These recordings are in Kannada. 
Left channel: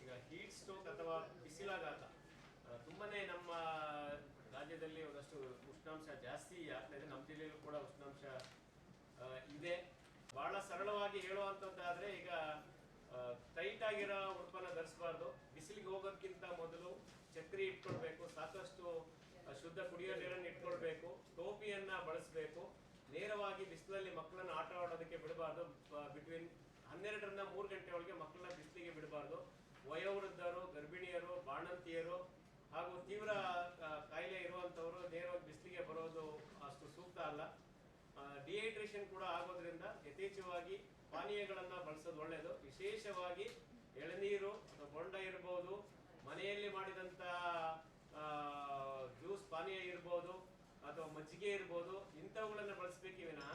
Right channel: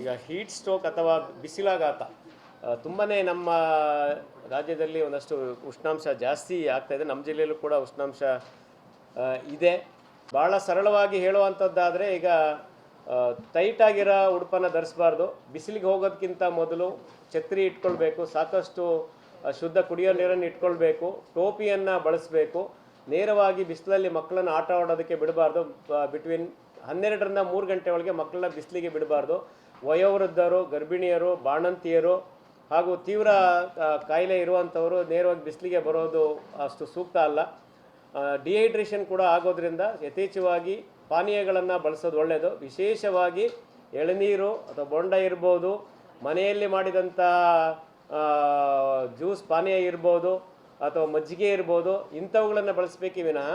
ಈಗ ಹೀಟ್ ಸ್ಟ್ರೋಕ್ ಅಥವಾ ಬಿಸಿಲಾಘಾತ ತುಂಬಾ ನಮ್ಮ ರಾಜ್ಯದಲ್ಲಿ ಒಂದಷ್ಟು ಉಷ್ಣಾಂಶ ಜಾಸ್ತಿ ಆಗ್ತಾಯಿದೆ. ನಮ್ಮ ಜಿಲ್ಲೆಯಲ್ಲೂ ಕೂಡ ಉಷ್ಣಾಂಶ ಇದೆ. ಭಾಳ ಸರಳವಾಗಿ ಹೇಳುವಂಥದ್ದಾದರೆ ಈಗ ಟೈಟ್ ಆಗಿರೋ ಉಡುಪನ್ನು ಧರಿಸಬಾರ್ದು. ಬಿಸಿಲಿಗೆ ಹೋಗೋದಕ್ಕಿಂತ ಮೊದಲು ಛತ್ರಿ ಇಟ್ಕೊಳ್ಬೇಕು, ಸಾಕಷ್ಟು ಶುದ್ಧ ಕುಡಿಯೋ ನೀರನ್ನು ಇಟ್ಕೊಳ್ಬೇಕು, ಟೋಪಿಯನ್ನು ಬಳಸಬೇಕು. ನೇರವಾಗಿ ಬಿಸಿಲಲ್ಲಿ ಮಕ್ಕಳನ್ನು ಆಟ ಆಡೋದಕ್ಕೆ ಬಿಡಬಾರ್ದು. ಬಿಟ್ವೀನ್ 12ರಿಂದ 3 ಗಂಟೆ ಒಳಗೆ ಮಕ್ಕಳನ್ನ ಬಿಸಿಲಿಗೆ ಬಿಡಬಾರ್ದು. ವಯೋವೃದ್ಧರು, ಗರ್ಭಿಣಿಯರು, ಬಾಣಂತಿಯರು ಹಾಗೂ ತೀವ್ರ ಕಾಯಿಲೆ ಇರುವಂಥವರು ನೇರವಾಗಿ ಬಿಸಿಲಿಗೆ ಬರೋದು ಅಷ್ಟು ಸೂಕ್ತ ಅಲ್ಲ. ಡಿಹೈಡ್ರೇಷನ್ ಕೂಡ ಆಗೋದ್ರಿಂದ ಯಥೇಚ್ಛವಾಗಿ ಪಾನೀಯಗಳನ್ನು ಬಳಸೋದು ಒಳ್ಳೆಯದು. ವಿಶೇಷವಾಗಿ ಎಳನೀರು ಅಥವಾ ಬೊಂಡ ಇರ್ಬೋದು, ಮನೆಯಲ್ಲಿ ಮಾಡಿದಂಥ ಜ್ಯೂಸ್ ಪಾನೀಯ ಇರ್ಬೋದು ಅಥವಾ ಮಜ್ಜಿಗೆ ಇರ್ಬೋದು, ಇಂಥವುಗಳನ್ನು ಬಳಸಬೇಕೇ ವಿನಃ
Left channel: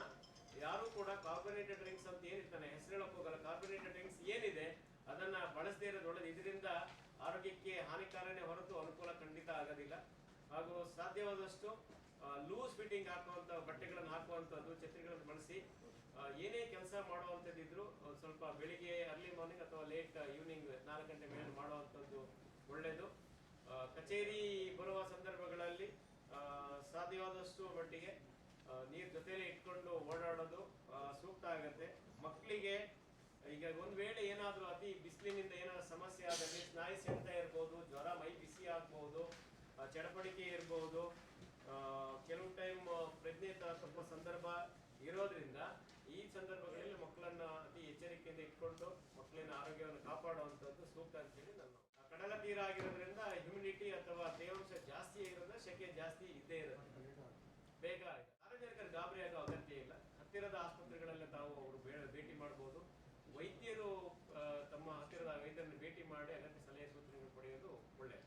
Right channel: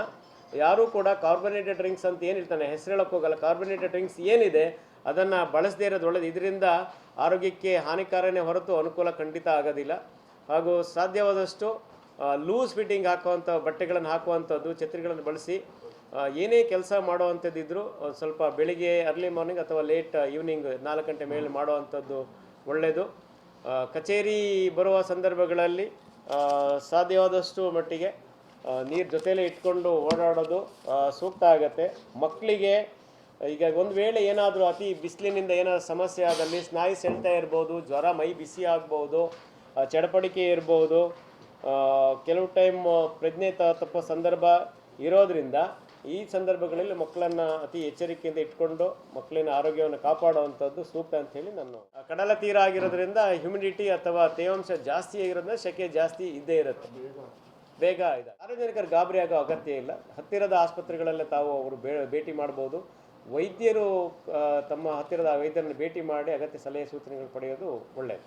ಯಾರೂ ಕೂಡ ಕಾರ್ಬೊನೇಟೆಡ್ ಡ್ರಿಂಕ್ಸ್ ಅಂತ ಏನಿರ್ತಾನೆ ಹೆಸರು ಹೇಳೋಕ್ಕೆ ಹೋಗಲ್ಲ. ಕಾರ್ಬೊನೇಟೆಡ್ ಡ್ರಿಂಕ್ಸ್ ಏನಿದೆ ಅದನ್ನು ಬಳಸದೇ ಇರೋದು ಒಳ್ಳೆಯದು. ಇದರಿಂದ ಆರೋಗ್ಯಕ್ಕೆ ಹಾನಿಕಾರನೇ ಹೊರತು ಅನುಕೂಲ ಖಂಡಿತ ಆಗೋದಿಲ್ಲ. ಹಾಗೂ ಸಾಧ್ಯವಾದಷ್ಟು ಲೂಸ್ ಫಿಟ್ಟಿಂಗ್ ಹಾಕುವಂಥ ಬಟ್ಟೆಗಳನ್ನು ಹಾಕುವಂಥದ್ದು, ಛತ್ರಿಗಳನ್ನು ಬಳಸಿ ಏನೇ ಕೆಲಸ ಮಾಡುವಂಥದ್ದಿದ್ದರೂ ಸ್ವಲ್ಪ ಬೆಳಿಗ್ಗೆ ಅರ್ಲಿ ಮಾರ್ನಿಂಗ್ ಅಥವಾ ಲೇಟ್ ಈವ್ನಿಂಗ್ 4 ಗಂಟೆ ಮೇಲೆ ಮಾಡುವಂಥದ್ದು ಒಳ್ಳೆಯದು. ಕಚೇರಿ ಬರುವ ಸಂದರ್ಭಗಳಲ್ಲಿ ಸಾಧ್ಯವಾದಷ್ಟು ಮಟ್ಟಿಗೆ ನೀರು ಜೊತೆಯಲ್ಲೇ ಇಟ್ಕೊಂಡು ಓಡಾಡೋದು ಸೂಕ್ತ ಆಗುತ್ತೆ. ಮಕ್ಕಳಿಗೆ ಈಗ ಒಂದು ವೇಳೆ ಏನಾದರೂ ಅತಿ ಬಿಸಿಲಿನಿಂದ ಏನಾದರೂ ಸಮಸ್ಯೆ ಆದಲ್ಲಿ ಸ್ನಾಯು ಸೆಳೆತ ಇರ್ಬೋದು, ಜ್ವರ, ಮೈ ಬಿಸಿ ಆಗ್ಬೋದು, ಚಡಪಡಿಕೆ ಇರ್ಬೋದು, ಕೆಲವು ಟೈಮ್ ಪ್ರಜ್ಞೆ ತಪ್ಪೋ ಸಂದರ್ಭ ಇರೋದರಿಂದ ಈ ಸಂದರ್ಭಗಳಲ್ಲಿ ಮಕ್ಕಳನ್ನು ಅತಿ ಎಚ್ಚರಿಕೆಯಿಂದ ಇಟ್ಕೊಂಡು ಮಕ್ಕಳಿನ ಆರೋಗ್ಯವನ್ನು ಕಾಪಾಡುವಂಥದ್ದು ಸೂಕ್ತ ಅಂಥೇಳಿ ನಾನು. ಕಡಲ ತೀರ ಆಗಿರೋದ್ರಿಂದ ಹ್ಯುಮಿಡಿಟಿ ಅಥವಾ ತೇವಾಂಶ ಜಾಸ್ತಿ ಆಗಿರೋದ್ರಿಂದ ಸೆಕೆ ಜಾಸ್ತಿ ಇದ್ದೇ ಇರುತ್ತೆ. ಬೇಗ ಇದೆ. ಸಾರ್ವಜನಿಕರು ಗಾಬರಿ ಆಗೋ ಅಗತ್ಯ ಇಲ್ಲ. ಹತ್ತಿರದ ಆಸ್ಪತ್ರೆಗಳಲ್ಲೇ ತಾವು ಅವರು ಭೇಟಿ ಮಾಡ್ಬೋದು. ವೈದ್ಯರು ತಮ್ಮ ಹತ್ತಿರದ ವೈದ್ಯರನ್ನು ಭೇಟಿ ಮಾಡಿ ಅಗತ್ಯ ಸಲಹೆ ಸೂಚನೆಗಳು ಪಡೆಯೋದು ಒಳ್ಳೆಯದು.